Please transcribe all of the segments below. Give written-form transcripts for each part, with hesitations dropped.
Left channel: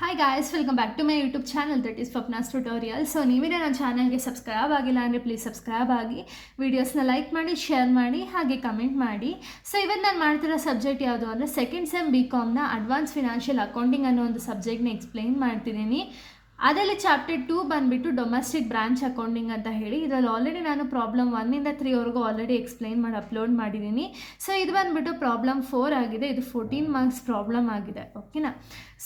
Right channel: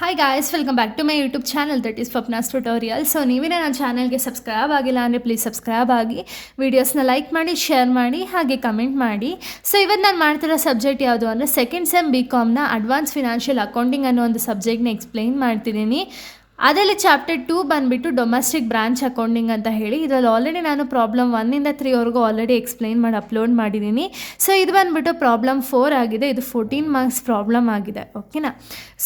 Hi guys, welcome back to my YouTube channel that is Swapna's tutorial. So ನೀವೇ ನನ್ನ ಚಾನಲ್ಗೆ subscribe ಆಗಿಲ್ಲ ಅಂದರೆ ಪ್ಲೀಸ್ ಸಬ್ಸ್ಕ್ರೈಬ್ ಆಗಿ, ವೀಡಿಯೋಸ್ನ ಲೈಕ್ ಮಾಡಿ, ಶೇರ್ ಮಾಡಿ, ಹಾಗೆ ಕಮೆಂಟ್ ಮಾಡಿ. ಸೊ ಇವತ್ತು ನಾನು ಮಾಡ್ತಿರೋ ಸಬ್ಜೆಕ್ಟ್ ಯಾವುದು ಅಂದರೆ ಸೆಕೆಂಡ್ ಸೆಮ್ BComನ ಅಡ್ವಾನ್ಸ್ ಫಿನಾನ್ಷಿಯಲ್ ಅಕೌಂಟಿಂಗ್ ಅನ್ನೋ ಒಂದು ಸಬ್ಜೆಕ್ಟ್ನ ಎಕ್ಸ್ಪ್ಲೈನ್ ಮಾಡ್ತಿದ್ದೀನಿ. ಅದರಲ್ಲಿ ಚಾಪ್ಟರ್ 2 ಬಂದುಬಿಟ್ಟು ಡೊಮೆಸ್ಟಿಕ್ ಬ್ರಾಂಚ್ ಅಕೌಂಟಿಂಗ್ ಅಂತ ಹೇಳಿ. ಇದರಲ್ಲಿ ಆಲ್ರೆಡಿ ನಾನು ಪ್ರಾಬ್ಲಮ್ 1ಇಂದ 3ವರೆಗೂ ಆಲ್ರೆಡಿ ಎಕ್ಸ್ಪ್ಲೈನ್ ಮಾಡಿ ಅಪ್ಲೋಡ್ ಮಾಡಿದ್ದೀನಿ. ಸೊ ಇದು ಬಂದುಬಿಟ್ಟು ಪ್ರಾಬ್ಲಮ್ 4 ಆಗಿದೆ. ಇದು 14 ಮಾರ್ಕ್ಸ್ ಪ್ರಾಬ್ಲಮ್ ಆಗಿದೆ. ಓಕೆನಾ?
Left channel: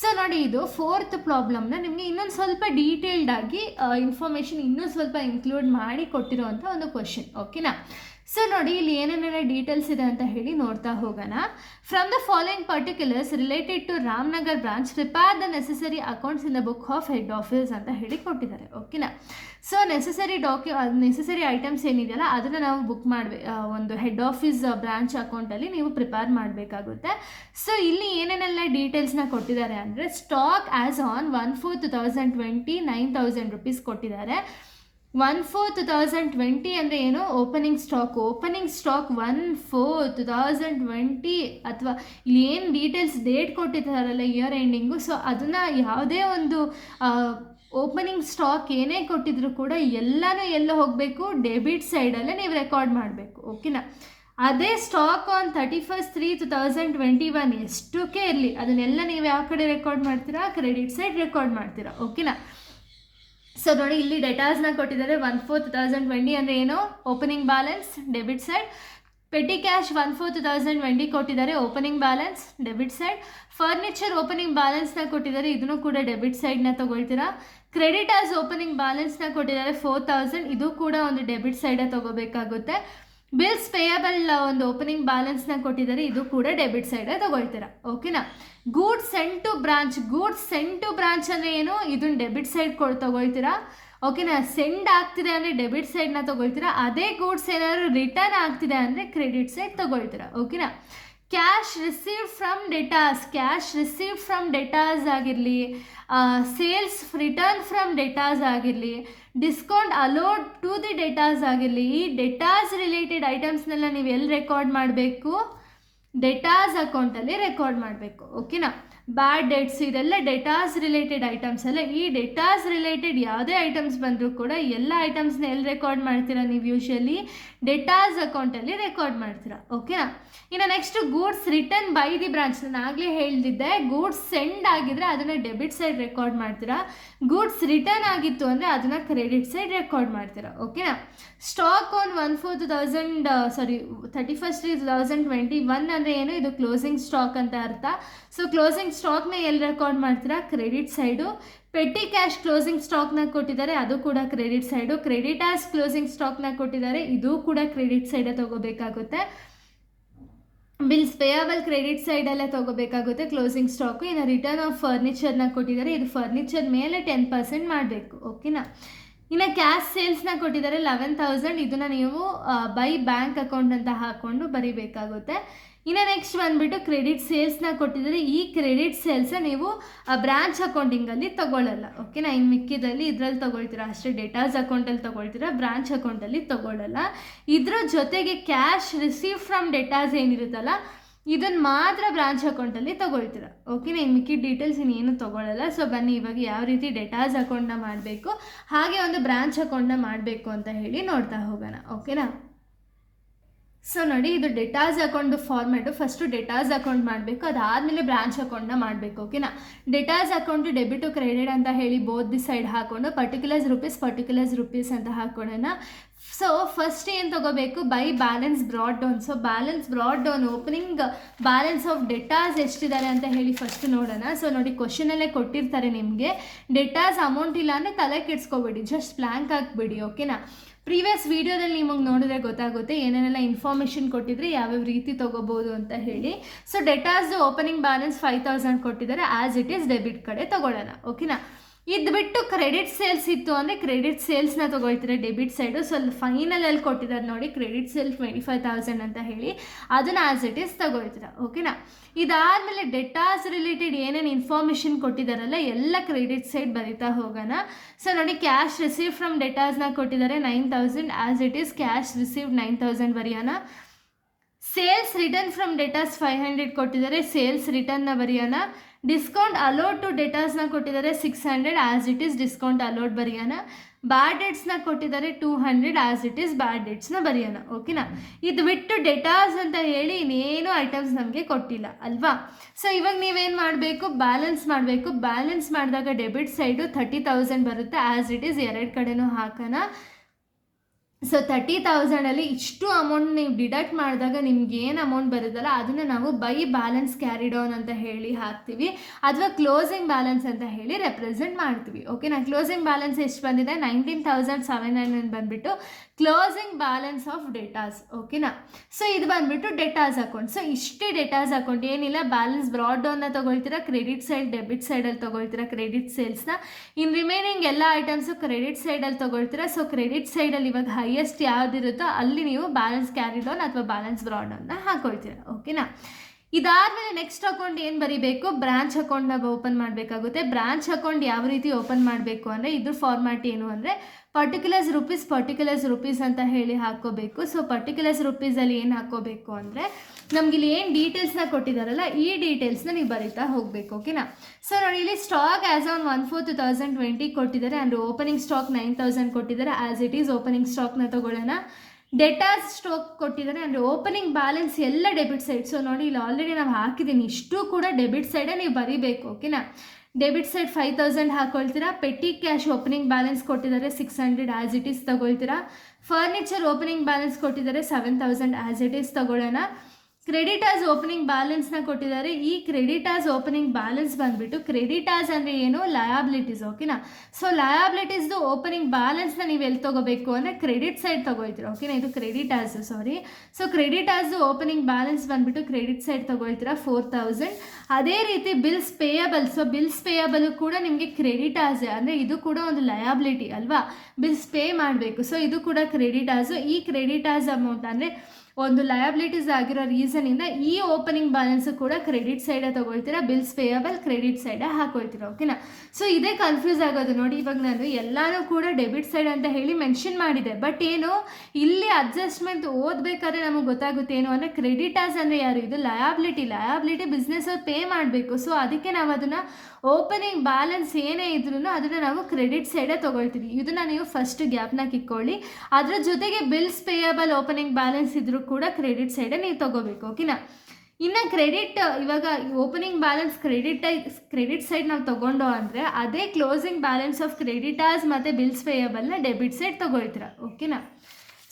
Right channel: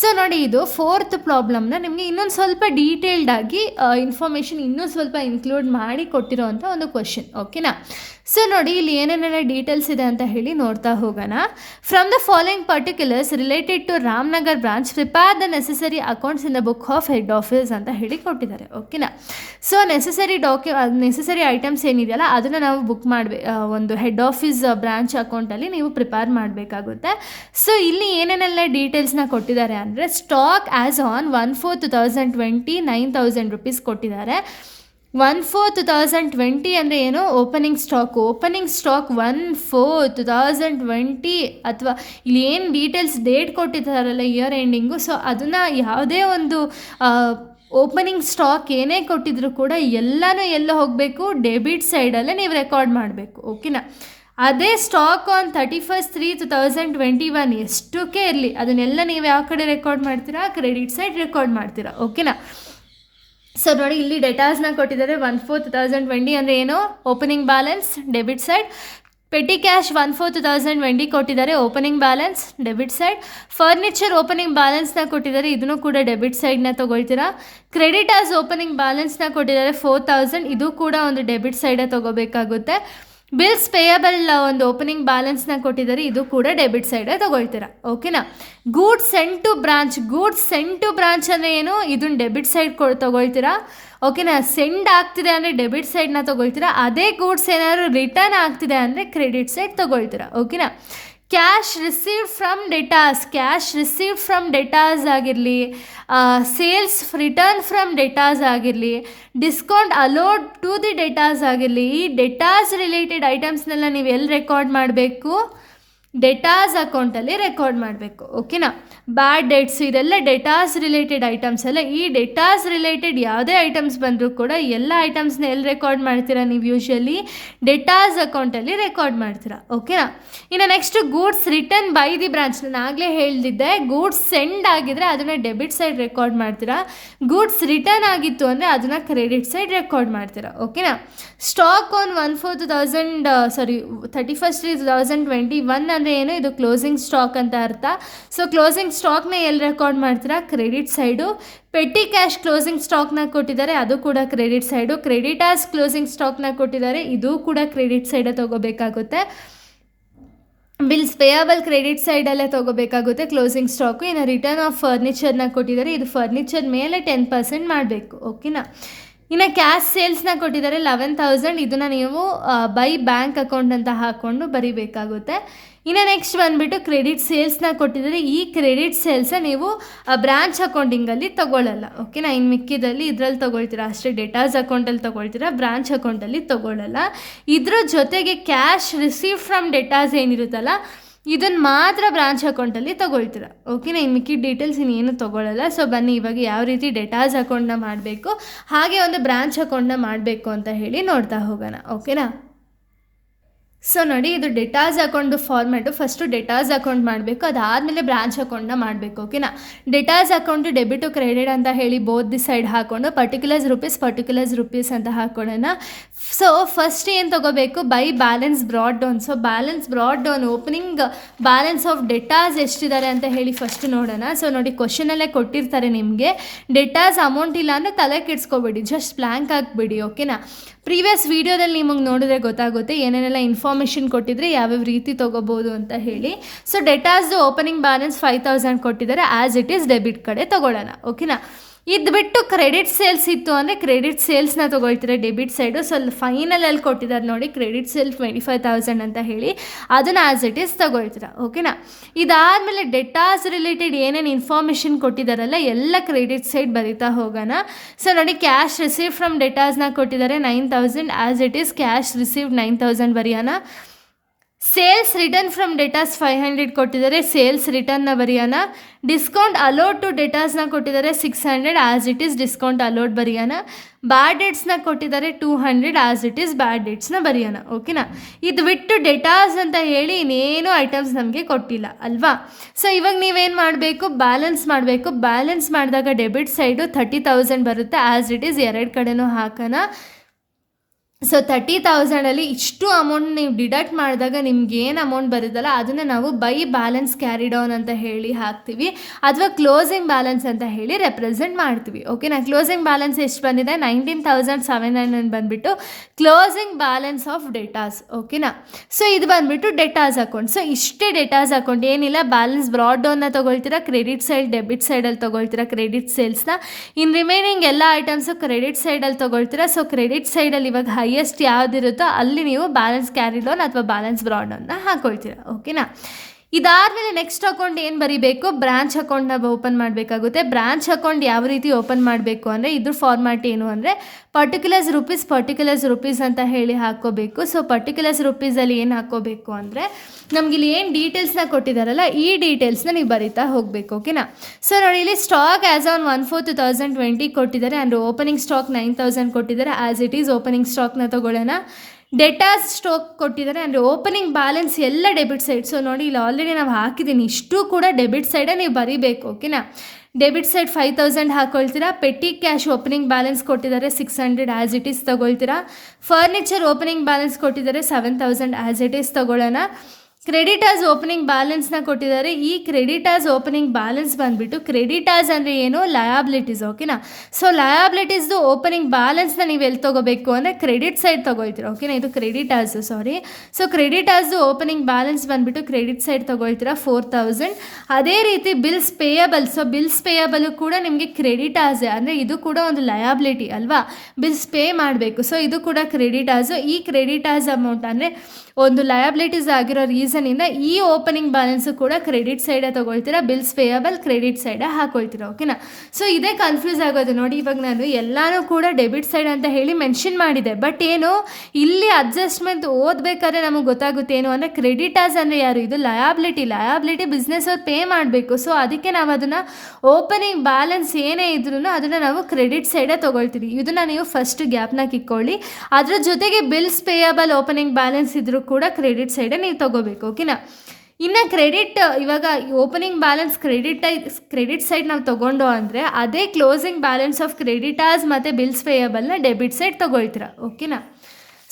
ಸೊ ನೋಡಿ, ಇದು 4th ಪ್ರಾಬ್ಲಮ್ನ ನಿಮಗೆ ಇನ್ನೊಂದು ಸ್ವಲ್ಪ ಡೀಟೇಲ್ಡಾಗಿ ಇನ್ಫಾರ್ಮೇಷನ್ ಇನ್ನೂ ಸ್ವಲ್ಪ ಇನ್ಕ್ಲೂಡ್ ಮಾಡಿ ಕೊಟ್ಟಿರೋವಂಥ ಒಂದು ಕ್ವಶನ್. ಓಕೆನಾ? ಸೊ ನೋಡಿ, ಇಲ್ಲಿ ಏನೇನೆಲ್ಲ ಡೀಟೇಲ್ಸ್ ಇದೆ ಅಂತ ಹೇಳಿ ನೋಡ್ತಾ ಹೋಗೋಣ. From the following particulars related to Ramanagar branch prepare the necessary accounts in the book of head office ಅಂತ ಹೇಳಿ ಕೊಟ್ಟಿದ್ದಾರೆ. ಓಕೆನಾ? ಸೊ ನೆಸೆಸರಿ ಐಟಮ್ಸ್ ಏನಿದೆಯಲ್ಲ ಅದನ್ನು ನಾವು ಬುಕ್ ಒಂದು ಹೆಡ್ ಆಫೀಸ್ ಬ್ರಾಂಚ್ ಅಕೌಂಟಲ್ಲಿ ನೀವು ಪ್ರಿಪೇರ್ ಮಾಡಬೇಕಾಗುತ್ತೆ. ಸೊ ಇಲ್ಲಿ ಏನೇನೆಲ್ಲ ಡೀಟೇಲ್ಸ್ನ ಕೊಟ್ಟಿದ್ದಾರೆ ಅಂದರೆ, ಸ್ಟಾಕ್ ಆ್ಯಸ್ ಆನ್ 1/4/2020 9,000 ರೂಪೀಸ್ ಕೊಟ್ಟಿದ್ದಾರೆ. 1/4/2020 ಅಂದರೆ ಏನು? ಓಪನಿಂಗ್ ಸ್ಟಾಕ್ 1/4/2020 ಅಥವಾ ಇಲ್ಲಿ ಏನು ಡೀಟೇಲ್ಸ್ ಡೇಟ್ ಕೊಟ್ಟಿದ್ದಾರಲ್ಲ ಇಯರ್ ಎಂಡಿಂಗು, ಸೊ ಅದನ್ನು ಯಾವುದೇ ಒಂದು ಓಪನಿಂಗ್ ಸ್ಟಾಕ್ ಏನೇ ಕೊಟ್ಟಿದ್ರು ಕೂಡ ಎಲ್ಲನೂ ಎಲ್ಲ ಹೋಗಬೇಕು, ಡೆಬಿಟ್ ಸೈಡಲ್ಲೇ ನೀವು ರೆಕಾರ್ಡ್ ಮಾಡಬೇಕು. ಓಕೆನಾ? ಅದೇ ಸ್ಟಾಕ್ ಆನ್ 31/3/2021 ಎಷ್ಟಕ್ಕೆ ಇರಲಿ ಅದನ್ನೆಲ್ಲ ನೀವು ಯಾವ ಕಡೆ ರೆಕಾರ್ಡ್ ಮಾಡ್ತೀರಾ? ಕ್ರೆಡಿಟ್ ಸೈಡ್ ರೆಕಾರ್ಡ್ ಮಾಡ್ತೀರಾ. ಓಕೆನಾ? ಸೊ ನೋಡಿ, ಇಲ್ಲಿ ಡೇಟಾಸ್ನ ಕೊಟ್ಟಿದ್ದಾರೆ. 1/4/2020 ಅಂದರೆ ಏನು? Opening balance debit side. Petty cash 1/4/2020 ಕೊಟ್ಟಿದ್ದಾರೆ, opening balance debit side. Furniture opening ಬ್ಯಾಲೆನ್ಸ್ನ ಕೊಟ್ಟಿದ್ದಾರೆ, ಇದನ್ನು ಕೂಡ ಡೆಬಿಟ್ ಸೈಡ್ನ ತೊಗೊಳ್ತೀರಾ. ಕ್ರೆಡಿಟ್ ಆಸ್ ಓಪನಿಂಗ್ ಬ್ಯಾಲೆನ್ಸ್ನ ಕೊಟ್ಟಿದ್ದಾರೆ 4,000, ಇದು ಕೂಡ ಒಂದು ಡೆಬಿಟ್ ಸೈಡೇ ತೊಗೋಬೇಕಾಗುತ್ತೆ. ಬಿಲ್ಸ್ ಪೇಯಬಲ್ ಒಂದು ಓಪನಿಂಗ್ ಬ್ಯಾಲೆನ್ಸ್ನ ಕೊಟ್ಟಿದ್ದಾರೆ, ಇದು ಕೂಡ ಡೆಬಿಟ್ ಸೈಡೇ ತೊಗೊಳ್ತೀರಾ. ಓಕೆನಾ? ಗೂಡ್ಸ್ ಸೆಂಡ್ ಟು ಬ್ರಾಂಚ್ ಅಂದರೆ ಏನು? ಇದನ್ನು ಡೆಬಿಟ್ ಸೈಡ್ ತೊಗೊಳ್ತೀರಾ. ಓಕೆನಾ? ಸೆಂಡ್ ಆಗ್ತಿದೆ ಅಂದರೆ ಡೆಬಿಟ್ ಸೈಡ್ನ ತೊಗೊಳ್ತೀರಾ. ಅದೇ ಗೂಡ್ಸ್ ಏನಾದರೂ ರಿಟರ್ನ್ ಆಗ್ತಿದೆ ಅಂದರೆ ಕ್ರೆಡಿಟ್ ಸೈಡ್ ತೊಗೊಳ್ತೀರಾ. ಓಕೆನಾ? ಕ್ಯಾಶ್ ರಿಸೀವ್ಡ್ ಫ್ರಮ್ ಡೇಟಾಸ್ ಆಗಿರಲಿ, ಸೇಲ್ಸ್ ರಿಟರ್ನ್ ಫ್ರಮ್ ಡೇಟಾಸ್ ಆಗಿರಲಿ, discount allowed to the debtors ಆಗಿರಲಿ, ಈ ಡೇಟಾಸ್ ರಿಲೇಟೆಡ್ ಐಟಮ್ಸ್ನೆಲ್ಲ ನೀವು ಎಲ್ಲಿ ರೆಕಾರ್ಡ್ ಮಾಡಬೇಕು? ಡೇಟಾಸ್ ಅಕೌಂಟಲ್ಲಿ ರೆಕಾರ್ಡ್ ಮಾಡಬೇಕು. ಓಕೆನಾ? ಬ್ಯಾಡ್ ಡೇಟ್ಸ್ ಇದೆಲ್ಲ ಡೇಟಾಸ್ ರಿಲೇಟೆಡ್ ಐಟಮ್ಸ್ ಅಲ್ಲ. ಈ ಡೇಟಾಸ್ ರಿಲೇಟೆಡ್ ಯಾವುದೇ ಐಟಮ್ಸ್ ಬಂದರೂ ಕೂಡ ಎಲ್ಲ ಐಟಮ್ಸ್ನ ಎಲ್ಲಿ ರೆಕಾರ್ಡ್ ಮಾಡ್ತೀರಾ? ನೀವು ಯೂಶ್ವಲಿ ಡೇಟಾಸ್ ಅಕೌಂಟಲ್ಲಿ ರೆಕಾರ್ಡ್ ಮಾಡ್ತೀರಾ. ಓಕೆನಾ? ಇನ್ನು next goods return by the branch. ನಾನು ಆಗಲೇ ಹೇಳಿದ್ದೆ, ಗೂಡ್ಸ್ ಸೆಂಡ್ ಆಗಿದ್ರೆ ಅದನ್ನು ಡೆಬಿಟ್ ಸೈಡ್ ರೆಕಾರ್ಡ್ ಮಾಡ್ತೀರಾ. ಗೂಡ್ಸ್ ರಿಟರ್ನ್ ಆಗಿತ್ತು ಅಂದರೆ ಅದನ್ನು ಕ್ರೆಡಿಟ್ ಸೈಡ್ ರೆಕಾರ್ಡ್ ಮಾಡ್ತೀರಾ. ಓಕೆನಾ? ಸ್ಟಾಕ್ ಆನ್ 31/3/2021 ಅಂದರೆ ಏನು? ಇದು ಕ್ಲೋಸಿಂಗ್ ಸ್ಟಾಕ್ ಅಂತ ಅರ್ಥ. ಸೊ ಕ್ಲೋಸಿಂಗ್ ಸ್ಟಾಕ್ನ ಎಲ್ಲಿ ರೆಕಾರ್ಡ್ ಮಾಡ್ತೀರಾ? Credit side. Petty cash closing ಸ್ಟಾಕ್ನ ಕೊಟ್ಟಿದ್ದಾರೆ, ಅದು ಕೂಡ credit side. Creditors closing ಸ್ಟಾಕ್ನ ಕೊಟ್ಟಿದ್ದಾರೆ, ಇದು ಕೂಡ ಕ್ರೆಡಿಟ್ ಸೈಡೇ ತೊಗೋಬೇಕಾಗುತ್ತೆ. ಬಿಲ್ಸ್ ಪೇಯಬಲ್ ಕ್ರೆಡಿಟ್ ಸೈಡಲ್ಲೇ ತೊಗೋಬೇಕಾಗುತ್ತೆ ಕ್ಲೋಸಿಂಗ್ ಸ್ಟಾಕು. ಇನ್ನು ರಿಟರ್ನ್ ಆಫ್ ಫರ್ನಿಚರ್ನ ಕೊಟ್ಟಿದ್ದಾರೆ, ಇದು ಫರ್ನಿಚರ್ ಮೇಲೆ 10% ಮಾಡಬೇಕು. ಓಕೆನಾ? ಇನ್ನು ಕ್ಯಾಶ್ ಸೇಲ್ಸ್ನ ಕೊಟ್ಟಿದ್ದಾರೆ 11,000, ಇದನ್ನು ನೀವು ಬೈ ಬ್ಯಾಂಕ್ ಅಕೌಂಟ್ ಅಂತ ಹಾಕ್ಕೊಂಡು ಬರೀಬೇಕಾಗುತ್ತೆ. ಇನ್ನು ನೆಕ್ಸ್ಟ್ ಬಂದುಬಿಟ್ಟು ಕ್ರೆಡಿಟ್ ಸೇಲ್ಸ್ನ ಕೊಟ್ಟಿದ್ದಾರೆ. ಈ ಕ್ರೆಡಿಟ್ ಸೇಲ್ಸ ನೀವು ಬ್ರಾಂಚ್ ಅಕೌಂಟಿಂಗಲ್ಲಿ ತೊಗೊಳ್ಳಲ್ಲ. ಓಕೆನಾ? ಇನ್ನು ಮಿಕ್ಕಿದಲ್ಲಿ ಇದರಲ್ಲಿ ತೊಗೊಳ್ತೀರಾ ಅಷ್ಟೇ, ಡೇಟಾಸ್ ಅಕೌಂಟಲ್ಲಿ ತೊಗೊಳ್ತೀರಾ, ಬ್ರಾಂಚ್ ಅಕೌಂಟಲ್ಲಿ ತೊಗೊಳ್ಳಲ್ಲ. ಇದ್ರ ಜೊತೆಗೆ ಕ್ಯಾಶ್ ರಿಸೀವ್ ಫ್ರಮ್ ಡೇಟಾಸ್ ಏನಿರುತ್ತಲ್ಲ ಇದನ್ನು ಮಾತ್ರ ಬ್ರಾಂಚ್ ಅಕೌಂಟಲ್ಲಿ ತೊಗೊಳ್ತೀರಾ. ಓಕೆನಾ? ಇನ್ನು ಮಿಕ್ಕಿದ ಡೀಟೇಲ್ಸ್ ಇನ್ನೇನು ತೊಗೊಳ್ಳಲ್ಲ. ಸೊ ಬನ್ನಿ ಇವಾಗ ಯಾವ ರೀತಿ ಡೇಟಾಸ್ ಅಕೌಂಟ್ನ ಮಾಡಬೇಕು, ಹಾಗೆ ಒಂದು ಬ್ರಾಂಚ್ ಅಕೌಂಟ್ನ ಮಾಡಬೇಕು ಅಂತ ಹೇಳಿ ನೋಡ್ತಾ ಹೋಗೋಣ. ಓಕೆನಾ? ಸೊ ನೋಡಿ, ಇದು datas account format. First datas account ಮಾಡಬೇಕು, ಅದಾದಮೇಲೆ ಬ್ರಾಂಚ್ ಅಕೌಂಟ್ನ ಮಾಡಬೇಕು. ಓಕೆನಾ? ಡೇಟಾಸ್ ಅಕೌಂಟು ಡೆಬಿಟು ಕ್ರೆಡಿಟ್ ಅಂತ ಹೇಳಿ ಬೋತ್ ದಿ ಸೈಡ್ ಹಾಕ್ಕೊಂಡು ಪರ್ಟಿಕ್ಯುಲರ್ಸ್ ರುಪೀಸ್ ಅಂತ ಹಾಕ್ಕೊಳ್ಳೋಣ. ಸೊ ಫಸ್ಟ್ ಏನು ತೊಗೋಬೇಕು? By balance brought down. So balance brought down opening balance of debtors ಎಷ್ಟಿದ್ದಾರೆ ಅಂತ ಹೇಳಿ ಫಸ್ಟ್ ನೋಡೋಣ. ಸೊ ನೋಡಿ, ಕ್ವಶನಲ್ಲೇ ಕೊಟ್ಟಿರ್ತಾರೆ ನಿಮಗೆ. ಡೇಟಾಸ್ ಅಮೌಂಟ್ ಇಲ್ಲ ಅಂದರೆ ತಲೆ ಕೆಡಿಸ್ಕೋಬೇಡಿ, ಜಸ್ಟ್ ಬ್ಲ್ಯಾಂಕ್ ಹಾಕ್ಬಿಡಿ. ಓಕೆನಾ? ಪ್ರೀವಿಯಸ್ ವೀಡಿಯೋದಲ್ಲಿ ನಿಮಗೆ ನೋಡಿದ್ರೆ ಗೊತ್ತಾಗುತ್ತೆ ಏನೇನೆಲ್ಲ ಇನ್ಫಾರ್ಮೇಷನ್ ಕೊಟ್ಟಿದ್ರೆ ಯಾವ್ಯಾವ ರೀತಿ ತೊಗೋಬೋದು ಅಂತ ಹೇಳಿ. ಸೊ ಡೇಟಾಸ್ದು ಓಪನಿಂಗ್ ಬ್ಯಾಲೆನ್ಸ್ 5,000 ಕೊಟ್ಟಿದ್ದಾರೆ, ಆ್ಯಸ್ ಇಟ್ ಈಸ್ ಡೆಬಿಟ್ ಕಡೆ ತೊಗೊಳ್ಳೋಣ. ಓಕೆನಾ? ಇದು ಬಿಟ್ಟು ಕ್ರೆಡಿಟ್ ಸೇಲ್ಸ್ ಇತ್ತು ಅಂದರೆ ಕ್ರೆಡಿಟ್ ಸೇಲ್ಸ್ನ ತೊಗೊಳ್ತೀರಾ ಡೆಬಿಟ್ ಸೈಡು. ಸೊ ಫೈನಲಲ್ಲಿ ಕೊಟ್ಟಿದ್ದಾರೆ ನೋಡಿ, ಕ್ರೆಡಿಟ್ ಸೇಲ್ 25,000 ಅಂತ ಹೇಳಿ, ಅದನ್ನು ಆ್ಯಸ್ ಇಟ್ ಈಸ್ ತೊಗೊಳ್ತೀರಾ. ಓಕೆನಾ? ಇದಾದಮೇಲೆ ಡೇಟಾಸ್ ರಿಲೇಟೆಡ್ ಏನೇನು ಇನ್ಫಾರ್ಮೇಷನ್ ಕೊಟ್ಟಿದ್ದಾರಲ್ಲ ಎಲ್ಲ ಕ್ರೆಡಿಟ್ ಸೈಡ್ ಬರಿತಾ ಹೋಗೋಣ. ಸೊ ನೋಡಿ, ಕ್ಯಾಶ್ ರಿಸೀವ್ ಫ್ರಮ್ ಡೇಟಾಸ್ನ ಕೊಟ್ಟಿದ್ದಾರೆ 9,000, as it is cash received 9,000 ಬರೆಯೋಣ. ಸೇಲ್ಸ್ ರಿಟರ್ನ್ ಫ್ರಮ್ ಡೆಟಾಸ್ 500 ಕೊಟ್ಟಿದ್ದಾರೆ, ಸೇಲ್ಸ್ ರಿಟರ್ನ್ನ ಬರೆಯೋಣ. ಡಿಸ್ಕೌಂಟ್ ಅಲೋಡ್ ಟು ಡೆಟಾಸ್ನ ಕೊಟ್ಟಿದ್ದಾರೆ 600 as it is discount allowed ಬರೆಯೋಣ. ಬ್ಯಾಡ್ ಡೇಟ್ಸ್ನ ಕೊಟ್ಟಿದ್ದಾರೆ 200 ಆ್ಯಸ್ ಇಟ್ ಈಸ್ ಬ್ಯಾಡ್ ಡೇಟ್ಸ್ನ ಬರೆಯೋಣ. ಓಕೆನಾ? ಇದು ಬಿಟ್ಟು ಡೆಟಾಸ್ ಅಂತ ಹೇಳಿ ಇನ್ನೇನು ಐಟಮ್ಸ್ ನಮಗೆ ಕೊಟ್ಟಿಲ್ಲ ಅಲ್ವಾ? ಸೊ ಇವಾಗ ನೀವೇನು ಮಾಡಬೇಕು, ಬ್ಯಾಲೆನ್ಸ್ ಮಾಡಬೇಕು. ಬ್ಯಾಲೆನ್ಸ್ ಮಾಡಿದಾಗ ಡೆಬಿಟ್ ಸೈಡು 30,000 ಬರುತ್ತೆ, ಆ್ಯಸ್ ಇಟ್ ಈಸ್ ಎರಡು ಕಡೆನೂ ಹಾಕೋಣ. ಸೊ 30,000ಅಲ್ಲಿ ಇಷ್ಟು ಅಮೌಂಟ್ ನೀವು ಡಿಡಕ್ಟ್ ಮಾಡಿದಾಗ ನಿಮ್ಗೆ ಏನು ಅಮೌಂಟ್ ಬರುತ್ತಲ್ಲ ಅದನ್ನು ನಾವು ಬೈ ಬ್ಯಾಲೆನ್ಸ್ ಕ್ಯಾರಿ ಡೌನ್ ಅಂತ ಹೇಳಿ ಹಾಕ್ತೀವಿ, ಅಥವಾ ಕ್ಲೋಸಿಂಗ್ ಬ್ಯಾಲೆನ್ಸ್ ಅಂತ ಹೇಳಿ ರೆಪ್ರೆಸೆಂಟ್ ಮಾಡ್ತೀವಿ. ಓಕೆನಾ? ಕ್ಲೋಸಿಂಗ್ ಬ್ಯಾಲೆನ್ಸ್ ಎಷ್ಟು ಬಂದಿದೆ? 19,799 ಬಂದುಬಿಟ್ಟು ಕ್ಲೋಸಿಂಗ್ ಬ್ಯಾಲೆನ್ಸ್ ಆಫ್ ಡೆಟಾಸ್. ಓಕೆನಾ? ಸೊ ಇದು ಬಂದುಬಿಟ್ಟು ಡೆಟಾಸ್ ಅಕೌಂಟ್. ಸೊ ಇಷ್ಟೇ ಡೆಟಾಸ್ ಅಕೌಂಟ್, ಏನಿಲ್ಲ. ಬ್ಯಾಲೆನ್ಸ್ ಬ್ರಾಡ್ ಡೌನ್ನ ತೊಗೊಳ್ತೀರಾ, ಕ್ರೆಡಿಟ್ ಸೈಡ್ ಡೆಬಿಟ್ ಸೈಡಲ್ಲಿ ತೊಗೊಳ್ತೀರಾ ಕ್ರೆಡಿಟ್ ಸೇಲ್ಸ್ನ. ಇನ್ ರಿಮೈನಿಂಗ್ ಎಲ್ಲ ಐಟಮ್ಸು ಕ್ರೆಡಿಟ್ ಸೈಡಲ್ಲಿ ತೊಗೊಳ್ತೀರಾ. ಸೊ ಕ್ರೆಡಿಟ್ ಸೈಡಲ್ಲಿ ಇವಾಗ ಹೈಯೆಸ್ಟ್ ಯಾವುದಿರುತ್ತೋ ಅಲ್ಲಿ ನೀವು ಬ್ಯಾಲೆನ್ಸ್ ಕ್ಯಾರಿ ಡೌನ್ ಅಥವಾ ಬ್ಯಾಲೆನ್ಸ್ ಬ್ರಾಡ್ ಡೌನ್ನ ಹಾಕೊಳ್ತೀರಾ. ಓಕೆನಾ? ಇದಾದಮೇಲೆ ನೆಕ್ಸ್ಟ್ ಅಕೌಂಟ್ ಏನು ಬರೀಬೇಕು? ಬ್ರಾಂಚ್ ಅಕೌಂಟ್ನ ಓಪನ್ ಮಾಡಬೇಕಾಗುತ್ತೆ. ಬ್ರಾಂಚ್ ಅಕೌಂಟ್ ಯಾವ ರೀತಿ ಓಪನ್ ಮಾಡಬೇಕು ಅಂದರೆ ಇದ್ರ ಫಾರ್ಮ್ಯಾಟ್ ಏನು ಅಂದರೆ ಪರ್ಟಿಕ್ಯುಲರ್ಸ್ ರುಪೀಸ್ ಅಂತ ಹೇಳಿ ಹಾಕ್ಕೋಬೇಕು. ಸೊ ಪರ್ಟಿಕ್ಯುಲರ್ಸ್ ರುಪೀಸಲ್ಲಿ ಏನು ಹಾಕ್ಕೋಬೇಕು ಅಂದರೆ ನಮ್ಗೆ ಇಲ್ಲಿ ಏನು ಡೀಟೇಲ್ಸ್ನ ಕೊಟ್ಟಿದ್ದಾರಲ್ಲ ಈ ಡೀಟೇಲ್ಸ್ನ ನೀವು ಬರೀತಾ ಹೋಗಬೇಕು. ಓಕೆನಾ? ಸೊ ನೋಡಿ, ಇಲ್ಲಿ ಸ್ಟಾಕ್ ಆ್ಯಸ್ ಆನ್ 1/4/2020 ಕೊಟ್ಟಿದ್ದಾರೆ, ಅಂದರೆ ಓಪನಿಂಗ್ ಸ್ಟಾಕ್ 9,000 ಕೊಟ್ಟಿದ್ದಾರೆ. ಆ್ಯಸ್ ಇಟ್ ಈಸ್ ಓಪನಿಂಗ್ ಸ್ಟಾಕ್ನ ತೊಗೊಳ್ಳೋಣ. ಡೆಟಾಸ್ ಸ್ಟಾಕ್ ಕೊಟ್ಟಿದ್ದಾರೆ, ಅಂದರೆ ಓಪನಿಂಗ್ ಬ್ಯಾಲೆನ್ಸ್ ಎಲ್ಲ ಡೆಬಿಟ್ ಸೈಡ್. ಸೊ ನೋಡಿ, ಇಲ್ಲಿ ಆಲ್ರೆಡಿ ನಾವು ಹಾಕಿದ್ದೀನಿ, ಇಷ್ಟು ಕೂಡ ಡೆಬಿಟ್ ಸೈಡೇ ನೀವು ಬರೀಬೇಕು. ಓಕೆನಾ? ಡೆಬಿಟ್ ಸೈಡ್ 5,000 ಹಾಕ್ಕೊಳ್ತೀರಾ. ಪೆಟ್ಟಿ ಕ್ಯಾಶ್ ಓಪನಿಂಗ್ ಬ್ಯಾಲೆನ್ಸ್ ಕೊಟ್ಟಿದ್ದಾರೆ 600 ಆ್ಯಸ್ ಇಟ್ ಈಸ್ ತೊಗೊಳ್ತೀರಾ. ಫರ್ನಿಚರ್ ಓಪನಿಂಗ್ ಬ್ಯಾಲೆನ್ಸ್ ಕೊಟ್ಟಿದ್ದಾರೆ 7,000 ಆ್ಯಸ್ ಇಟ್ ಈಸ್ ತೊಗೊಳ್ಳೋಣ. ಕ್ರೆಡಿಟರ್ಸ್ ಓಪನಿಂಗ್ ಬ್ಯಾಲೆನ್ಸ್ನ ಕೊಟ್ಟಿದ್ದಾರೆ. ಈ ಕ್ರೆಡಿಟರ್ಸ್ ಓಪನಿಂಗ್ ಬ್ಯಾಲೆನ್ಸ್ ಬಂದುಬಿಟ್ಟು, ಕ್ರೆಡಿಟರ್ಸ್ ಅಂದರೆ ಏನು? ಲಯಾಬಿಲಿಟೀಸ್. ಓಕೆನಾ? ಸೊ ಲಯಾಬಿಲಿಟೀಸ್ದು ಓಪನಿಂಗ್ ಬ್ಯಾಲೆನ್ಸ್ನ ನೀವು ಎಲ್ಲಿ ತೊಗೋಬೇಕು ಅಂದರೆ ಕ್ರೆಡಿಟ್ ಸೈಡ್ ತೊಗೊಳ್ತೀರಾ. ಓಕೆನಾ? ಇದು ಕ್ರೆಡಿಟರ್ಸ್, ಸಾರಿ. ಸೊ ಕ್ರೆಡಿಟರ್ಸ್ದು ಓಪನಿಂಗ್ ಬ್ಯಾಲೆನ್ಸ್ ಬಂದುಬಿಟ್ಟು ಕ್ರೆಡಿಟ್ ಸೈಡ್ ತೊಗೊಳ್ತೀರಾ 4,000. ಅದೇ ರೀತಿ bills payable. So bills payable ಕೂಡ ನಿಮಗೆ ಕ್ರೆಡಿಟರ್ಸ್, ಅಂದರೆ ಇದು ಕೂಡ ಒಂದು ಲಯಾಬಿಲಿಟಿ ಅಲ್ವಾ? ಬಿಲ್ಸ್ ಪೇ ಮಾಡಬೇಕು. ಸೊ ಇದು ಕೂಡ ಕ್ರೆಡಿಟರ್ಸು. ಈ ಕ್ರೆಡಿಟರ್ಸ್ ಅಮೌಂಟ್ ಅಂದರೆ ಒಂದು ಲಯಬಿಲಿಟೀಸ್ ಆಗಿರೋ ರೀಸನಿಂದ ಈ ಓಪನಿಂಗ್ ಬ್ಯಾಲೆನ್ಸು ಕೂಡ ಕ್ರೆಡಿಟ್ ಸೈಡೇ ತೊಗೊಳ್ತೀರಾ. ಬಿಲ್ಸ್ ಪೇಯಬಲ್ ಕ್ರೆಡಿಟ್ ಸೈಡೇ ಹಾಕೊಳ್ತೀರಾ. ಓಕೆನಾ? ಸೊ ಇದೇ ಕನ್ಫ್ಯೂಸ್ ಆಗೋದು ನೋಡಿ. ಇವಾಗ ನಾನು ಎಲ್ಲನೂ ಕೂಡ ಡೆಬಿಟ್ ಸೈಡ್ ಅಂತ ಹೇಳಿ ಮೆನ್ಷನ್ ಮಾಡಿದೆ, ಬಟ್ ಏನು ಇಲ್ಲಿ ಅಡ್ಜಸ್ಟ್ಮೆಂಟ್ ಓದಬೇಕಾದ್ರೆ ನಮಗೆ ಗೊತ್ತಾಗುತ್ತೆ ಏನು ಅಂದರೆ ಕ್ರೆಡಿಟರ್ಸ್ ಅಂದರೆ ಯಾರು? ಇದು ಲಯಾಬಿಲಿಟಿ ಬಿಸ್ನೆಸ್ ಅವ್ರು ಪೇ ಮಾಡಬೇಕು. ಸೊ ಅದಕ್ಕೆ ನಾವು ಅದನ್ನು ಓಪನಿಂಗ್ ಬ್ಯಾಲೆನ್ಸ್ ಏನೇ ಇದ್ರೂ ಅದನ್ನು ನಾವು ಕ್ರೆಡಿಟ್ ಸೈಡೇ ತೊಗೊಳ್ತೀವಿ. ಇದನ್ನು ನೀವು ಫಸ್ಟ್ ಗ್ಯಾಪ್ನ ಕಿಕ್ಕೊಳ್ಳಿ. ಅದ್ರ ಜೊತೆಗೆ ಬಿಲ್ಸ್ ಪೇಯಬಲ್ ಓಪನಿಂಗ್ ಬ್ಯಾಲೆನ್ಸ್ ಇದ್ರೂ ಕೂಡ ಕ್ರೆಡಿಟ್ ಸೈಡೇ ನೀವು ತೊಗೋಬೇಕು. ಓಕೆನಾ? ಇನ್ನು ಕ್ರೆಡಿಟ್, ಇವಾಗ ಓಪನಿಂಗ್ ಬ್ಯಾಲೆನ್ಸ್ ಕ್ರೆಡಿಟ್ ಸೈಡ್ ನಾವು ತೊಗೊಂಡು ಅಂದರೆ ಅದೇ ಕ್ಲೋಸಿಂಗ್ ಬ್ಯಾಲೆನ್ಸ್ ಆಫ್ ಕ್ರೆಡಿಟರ್ಸ್ ಮತ್ತು ಬಿಲ್ಸ್ ಪೇಯಬಲ್ನ ಡೆಬಿಟ್ ಸೈಡ್ ತೊಗೊಳ್ತೀರಾ. ಓಕೆನಾ?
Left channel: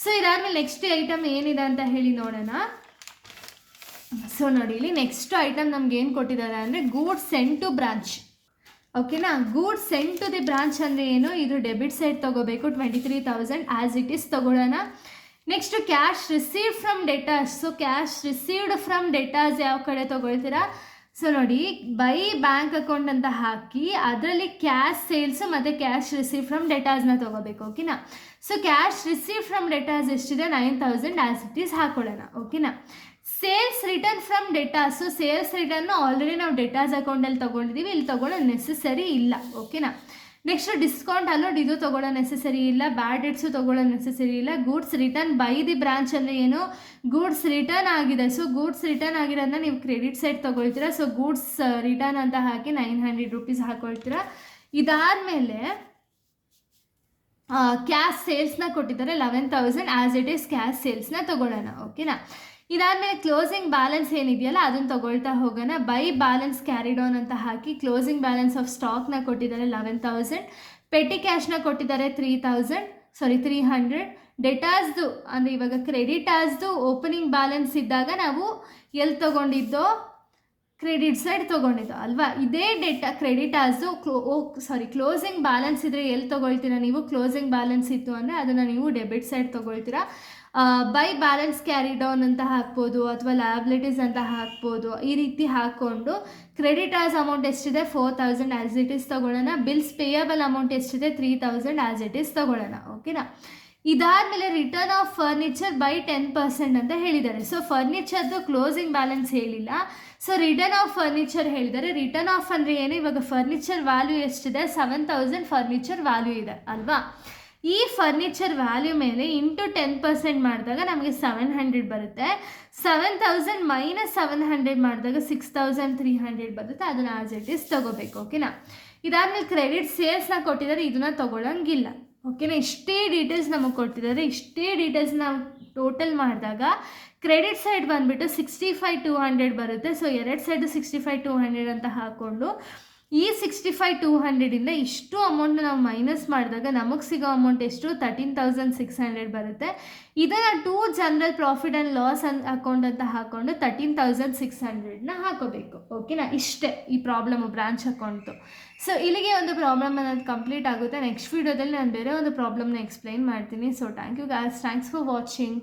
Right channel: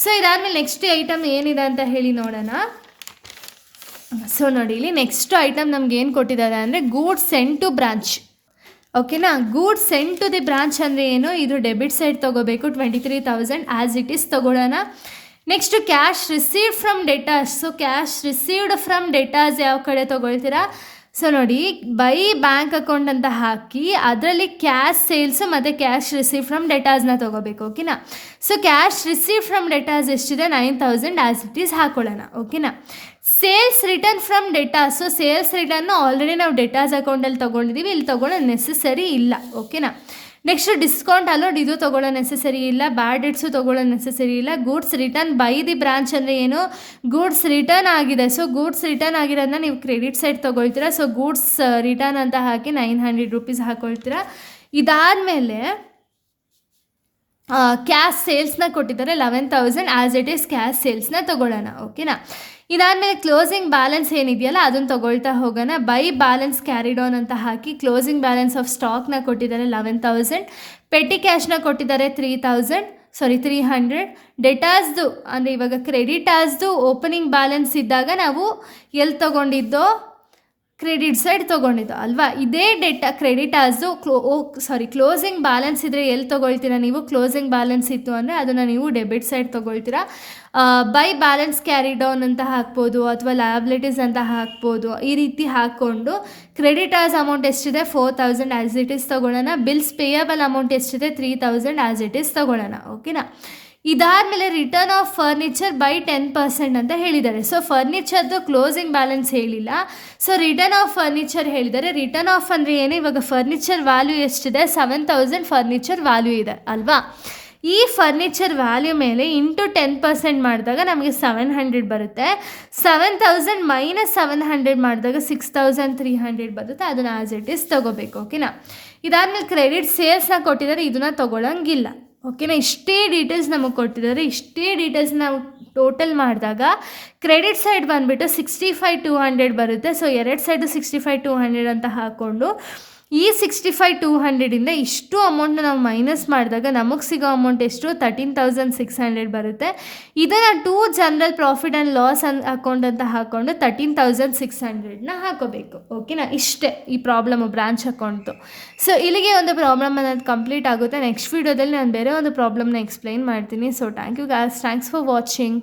ಸೊ ಇದಾದಮೇಲೆ ನೆಕ್ಸ್ಟ್ ಐಟಮ್ ಏನಿದೆ ಅಂತ ಹೇಳಿ ನೋಡೋಣ. ಸೊ ನೋಡಿ, ಇಲ್ಲಿ ನೆಕ್ಸ್ಟ್ ಐಟಮ್ ನಮ್ಗೆ ಏನು ಕೊಟ್ಟಿದ್ದಾರೆ ಅಂದರೆ ಗೂಡ್ಸ್ ಸೆಂಡ್ ಟು ಬ್ರಾಂಚ್. ಓಕೆನಾ? Goods send to the branch ಅಂದರೆ ಏನು? ಇದು ಡೆಬಿಟ್ ಸೈಡ್ ತೊಗೋಬೇಕು 23,000 ಆ್ಯಸ್ ಇಟ್ ಈಸ್ ತೊಗೊಳ್ಳೋಣ. Next cash received from debtors. So cash received from debtors ಯಾವ ಕಡೆ ತೊಗೊಳ್ತೀರಾ? ಸೊ ನೋಡಿ, ಬೈ ಬ್ಯಾಂಕ್ ಅಕೌಂಟ್ ಅಂತ ಹಾಕಿ ಅದರಲ್ಲಿ ಕ್ಯಾಶ್ ಸೇಲ್ಸು ಮತ್ತು ಕ್ಯಾಶ್ ರಿಸೀವ್ ಫ್ರಮ್ ಡೆಟಾಸ್ನ ತೊಗೋಬೇಕು. ಓಕೆನಾ? So cash receive from debtors ಎಷ್ಟಿದೆ? 9,000 ಆ್ಯಸ್ ಇಟ್ ಈಸ್ ಹಾಕೊಳ್ಳೋಣ. ಓಕೆನಾ? Sales return from debtors. So sales return already ನಾವು ಡೆಟಾಸ್ ಅಕೌಂಟಲ್ಲಿ ತೊಗೊಂಡಿದ್ದೀವಿ, ಇಲ್ಲಿ ತೊಗೊಳ್ಳೋ ನೆಸೆಸರಿ ಇಲ್ಲ. ಓಕೆನಾ? ನೆಕ್ಸ್ಟ್ ಡಿಸ್ಕೌಂಟ್ ಅಲೋಡ್, ಇದು ತೊಗೊಳ್ಳೋ ನೆಸೆಸರಿ ಇಲ್ಲ. ಬ್ಯಾಡ್ ಡೇಟ್ಸು ತೊಗೊಳ್ಳೋ ನೆಸೆಸರಿ ಇಲ್ಲ. Goods return by the branch ಅಂದರೆ ಏನು? ಗೂಡ್ಸ್ ರಿಟರ್ನ್ ಆಗಿದೆ. ಸೊ ಗೂಡ್ಸ್ ರಿಟರ್ನ್ ಆಗಿರೋದನ್ನ ನೀವು ಕ್ರೆಡಿಟ್ ಸೈಡ್ ತೊಗೊಳ್ತೀರಾ. ಸೊ ಗೂಡ್ಸ್ ರಿಟರ್ನ್ ಅಂತ ಹಾಕಿ 900 ರೂಪೀಸ್ ಹಾಕೊಳ್ತೀರಾ. ಇದಾದಮೇಲೆ ಕ್ಯಾಶ್ ಸೇಲ್ಸ್ನ ಕೊಟ್ಟಿದ್ದಾರೆ 11,000 ಆ್ಯಸ್ ಇಟ್ ಈಸ್ ಕ್ಯಾಶ್ ಸೇಲ್ಸ್ನ ತೊಗೊಳ್ಳೋಣ. ಓಕೆನಾ? ಇದಾದಮೇಲೆ ಕ್ಲೋಸಿಂಗ್ ಬ್ಯಾಲೆನ್ಸ್ ಏನಿದೆಯಲ್ಲ ಅದನ್ನು ತೊಗೊಳ್ತಾ ಹೋಗೋಣ. ಬೈ ಬ್ಯಾಲೆನ್ಸ್ ಕ್ಯಾರಿ ಡೌನ್ ಅಂತ ಹಾಕಿ ಕ್ಲೋಸಿಂಗ್ ಬ್ಯಾಲೆನ್ಸ್ ಆಫ್ ಸ್ಟಾಕ್ನ ಕೊಟ್ಟಿದ್ದಾರೆ 11,000. ಪೆಟ್ಟಿ ಕ್ಯಾಶ್ನ ಕೊಟ್ಟಿದ್ದಾರೆ 300. ಡೆಟಾಸ್ದು ಅಂದರೆ ಇವಾಗ ಕ್ರೆಡಿಟಾಸ್ದು ಓಪನಿಂಗ್ ಬ್ಯಾಲೆನ್ಸ್ ಇದ್ದಾಗ ನಾವು ಎಲ್ಲಿ ತೊಗೊಂಡಿದ್ದೋ ಕ್ರೆಡಿಟ್ ಸೈಡ್ ತೊಗೊಂಡಿದ್ದು ಅಲ್ವಾ? ಇದೇ ಕ್ರೆಡಿಟಾಸ್ದು ಕ್ಲೋಸಿಂಗ್ ಬ್ಯಾಲೆನ್ಸ್ ಇದ್ದರೆ ಎಲ್ಲಿ ತೊಗೊಳ್ತೀರಾ ನೀವು? ಕ್ಲೋಸಿಂಗ್ ಬ್ಯಾಲೆನ್ಸ್ ಇತ್ತು ಅಂದರೆ ಅದನ್ನು ನೀವು ಡೆಬಿಟ್ ಸೈಡ್ ತೊಗೊಳ್ತೀರಾ. ಬೈ ಬ್ಯಾಲೆನ್ಸ್ ಕ್ಯಾರಿ ಡೌನ್ ಅಂತ ಹಾಕ್ಬೋದು ಅಥವಾ ಲಯಬಿಲಿಟೀಸ್ ಅಂತ ಹಾಕ್ಬೋದು. ಈ ರೀತಿ ಹಾಕ್ಕೊಂಡು ಕ್ರೆಡಿಟರ್ಸ್ ಅಮೌಂಟ್ ಎಷ್ಟಿದೆ? 4,000 ಆ್ಯಸ್ ಇಟ್ ಈಸ್ ತೊಗೊಳ್ಳೋಣ. ಬಿಲ್ಸ್ ಪೇಯಬಲ್ ಅಮೌಂಟ್ ಎಷ್ಟಿದೆ? 3,000 ಆ್ಯಸ್ ಇಟ್ ಈಸ್ ತೊಗೊಳ್ಳೋಣ. ಓಕೆನಾ? ಇದಾದಮೇಲೆ ರಿಟರ್ನ್ ಆಫ್ ಫರ್ನಿಚರ್ ಬೈ 10% ಅಂತ ಹೇಳಿದ್ದಾರೆ. ಸೊ ಫರ್ನಿಚರ್ದು ಕ್ಲೋಸಿಂಗ್ ಬ್ಯಾಲೆನ್ಸ್ ಹೇಳಿಲ್ಲ, ಸೊ ರಿಟರ್ನ್ ಆಫ್ ಫರ್ನಿಚರ್ ಹೇಳಿದ್ದಾರೆ. ರಿಟರ್ನ್ ಆಫ್ ಅಂದರೆ ಏನು? ಇವಾಗ ಫರ್ನಿಚರ್ ವ್ಯಾಲ್ಯೂ ಎಷ್ಟಿದೆ? 7,000 ಫರ್ನಿಚರ್ ವ್ಯಾಲ್ಯೂ ಇದೆ ಅಲ್ವಾ? ಈ ಫರ್ನಿಚರ್ ವ್ಯಾಲ್ಯೂ ಮೇಲೆ ಇಂಟು 10% ಮಾಡಿದಾಗ ನಮಗೆ 700 ಬರುತ್ತೆ. 7000 ಮೈನಸ್ 700 ಮಾಡಿದಾಗ 6300 ಬರುತ್ತೆ. ಅದನ್ನು ಆಸ್ ಇಟ್ ಈಸ್ ತೊಗೋಬೇಕು. ಓಕೆನಾ. ಇದಾದಮೇಲೆ ಕ್ರೆಡಿಟ್ ಸೇಲ್ಸ್ನ ಕೊಟ್ಟಿದ್ದಾರೆ, ಇದನ್ನು ತೊಗೊಳಂಗಿಲ್ಲ. ಓಕೆನಾ. ಇಷ್ಟೇ ಡೀಟೇಲ್ಸ್ ನಮಗೆ ಕೊಟ್ಟಿದ್ದಾರೆ. ಇಷ್ಟೇ ಡೀಟೇಲ್ಸ್ ನಾವು ಟೋಟಲ್ ಮಾಡಿದಾಗ ಕ್ರೆಡಿಟ್ ಸೈಡ್ ಬಂದುಬಿಟ್ಟು 65,200 ಬರುತ್ತೆ. ಸೊ 2 ಸೈಡು 65,200 ಅಂತ ಹಾಕ್ಕೊಂಡು ಈ 65,200ಇಂದ ಇಷ್ಟು ಅಮೌಂಟ್ನ ನಾವು ಮೈನಸ್ ಮಾಡಿದಾಗ ನಮಗೆ ಸಿಗೋ ಅಮೌಂಟ್ ಎಷ್ಟು? 13,600 ಬರುತ್ತೆ. ಇದನ್ನು to general profit and loss account ಅಂತ ಹಾಕ್ಕೊಂಡು 13,600ನ ಹಾಕೋಬೇಕು. ಓಕೆನಾ. ಇಷ್ಟೇ ಈ ಪ್ರಾಬ್ಲಮ್ಮು ಬ್ರಾಂಚ್ ಅಕೌಂಟು. ಸೊ ಇಲ್ಲಿಗೆ ಒಂದು ಪ್ರಾಬ್ಲಮ್ ಅನ್ನೋದು ಕಂಪ್ಲೀಟ್ ಆಗುತ್ತೆ. ನೆಕ್ಸ್ಟ್ ವೀಡಿಯೋದಲ್ಲಿ ನಾನು ಬೇರೆ ಒಂದು ಪ್ರಾಬ್ಲಮ್ನ ಎಕ್ಸ್ಪ್ಲೈನ್ ಮಾಡ್ತೀನಿ. So thank you guys, thanks for watching.